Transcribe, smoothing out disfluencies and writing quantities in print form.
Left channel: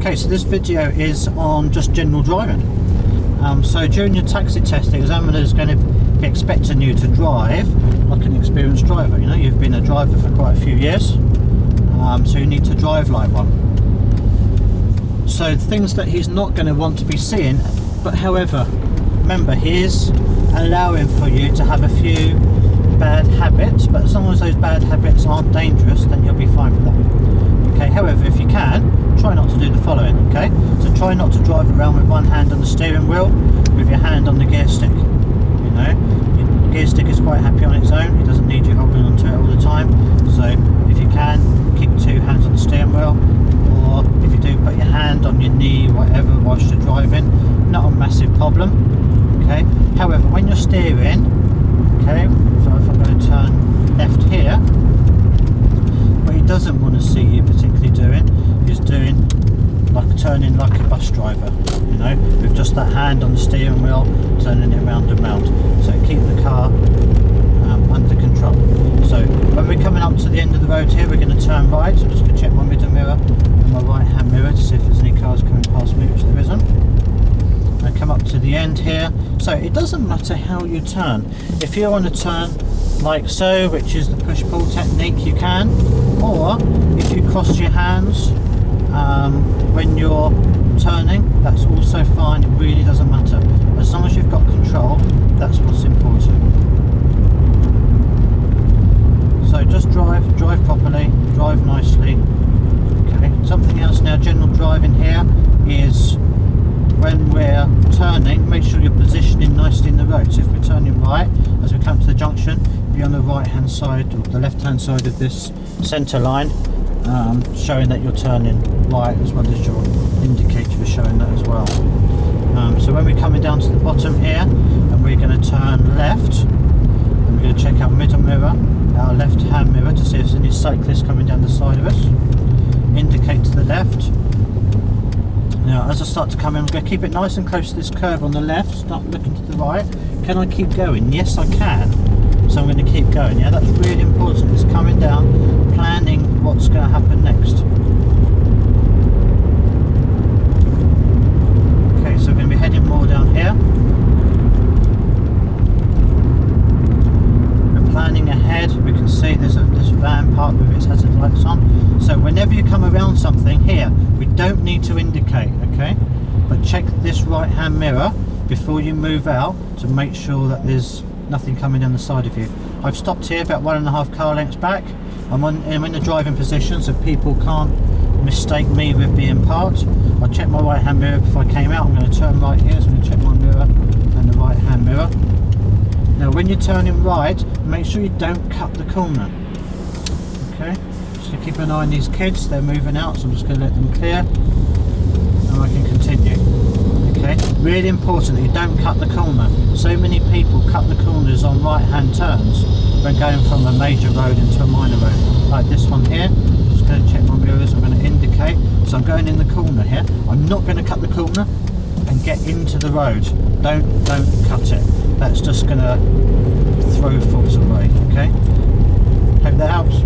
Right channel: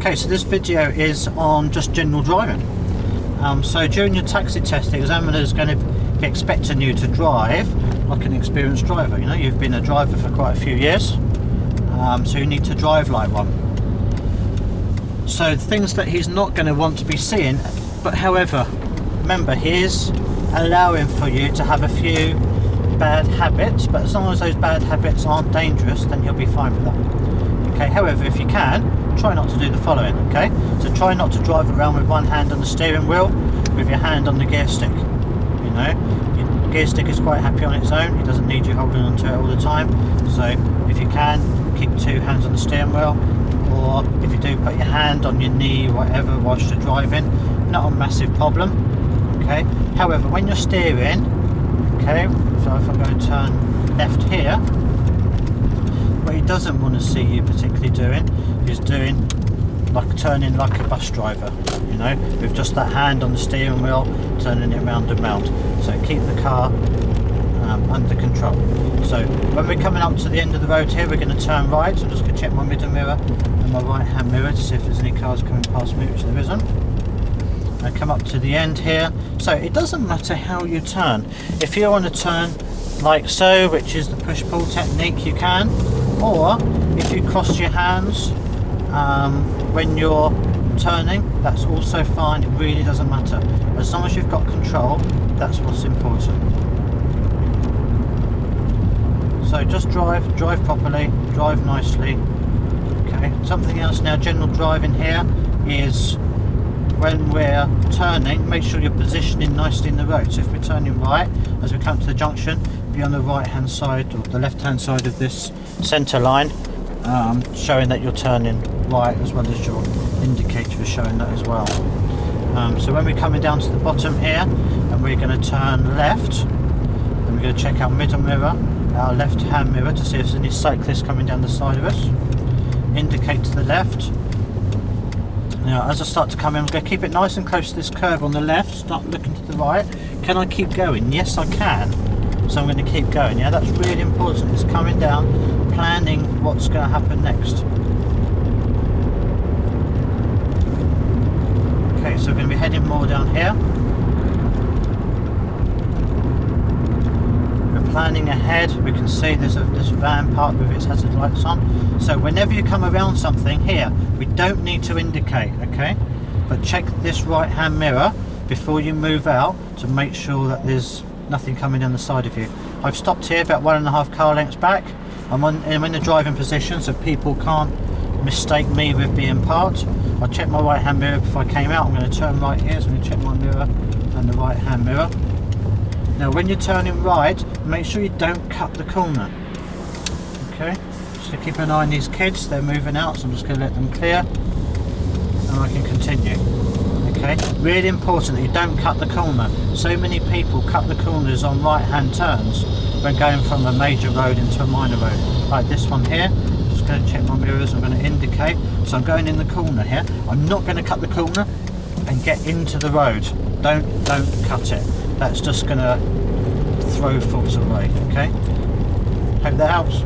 Okay, so this video is on just general driving. So during your taxi test, the examiner is going to be expecting you to drive like an experienced driver. You know, you've been a driver for quite a few years, so you need to drive like one. So things that he's not going to want to be seeing, but however, remember, he is allowing for you to have a few bad habits, but as long as those bad habits aren't dangerous, then you'll be fine with that. Okay, however, if you can, try not to do the following. Okay, so try not to drive around with one hand on the steering wheel, with your hand on the gear stick. You know, your gear stick is quite happy on its own, it doesn't need you holding onto it all the time. So if you can, keep two hands on the steering wheel, or if you do, put your hand on your knee, whatever, whilst you're driving. Not a massive problem. Okay, however, when you're steering, okay, so if I'm going to turn left here, what he doesn't want to see you particularly doing is doing like turning like a bus driver, you know, with just that hand on the steering wheel, turning it round and round. So keep the car under control. So when we're coming up to the end of the road here, we're going to turn right. So I'm just going to check my middle mirror and my right hand mirror to see if there's any cars coming past me, which there isn't. I come up to the end here. So it doesn't matter how you turn. If you want to turn like so, which is the push-pull technique, you can, or if you cross your hands when you're turning, that's also fine. It really doesn't matter, as long as you've got control. That's what's important. So just drive properly, drive nicely. Okay, something else now, general driving here, is when we're turning, make sure you're positioning nicely in the road. So if we're turning right, as we come to the junction, be on the right hand side or the left hand side of this centre line, showing that you're turning right, as well as your indicator is showing that as well. So when we're coming down to the bottom here, and we're going to turn left, and we're going to check our middle mirror, our left hand mirror, to see if there's any cyclists coming down the side of us. Indicate to the left. Now as I start to come in, I'm going to keep it nice and close to this curve on the left, start looking to the right. Can I keep going? Yes, I can. So I'm going to keep going. Yeah, that's really important. It's coming down, planning what's going to happen next. Okay, so we're going to be heading more down here. We're planning ahead. We can see there's this van parked with its hazard lights on. So whenever you come around something here, we don't need to indicate, okay? But check this right hand mirror before you move out to make sure that there's nothing coming down the side of you. I've stopped here about 1.5 car lengths back. I'm in the driving position, so people can't mistake me with being parked. I checked my right hand mirror before I came out. I'm going to turn right here, so I'm going to check my mirror and the right hand mirror. Now when you're turning right, make sure you don't cut the corner. Okay, just to keep an eye on these kids, they're moving out, so I'm just going to let them clear and I can continue. Okay, really important that you don't cut the corner. So many people cut the corners on right hand turns when going from a major road into a minor road, like this one here. I'm just going to check my mirrors, I'm going to indicate, so I'm going in the corner here. I'm not going to cut the corner and get into the road. Don't cut it. That's just going to throw thoughts away. Okay, hope that helps.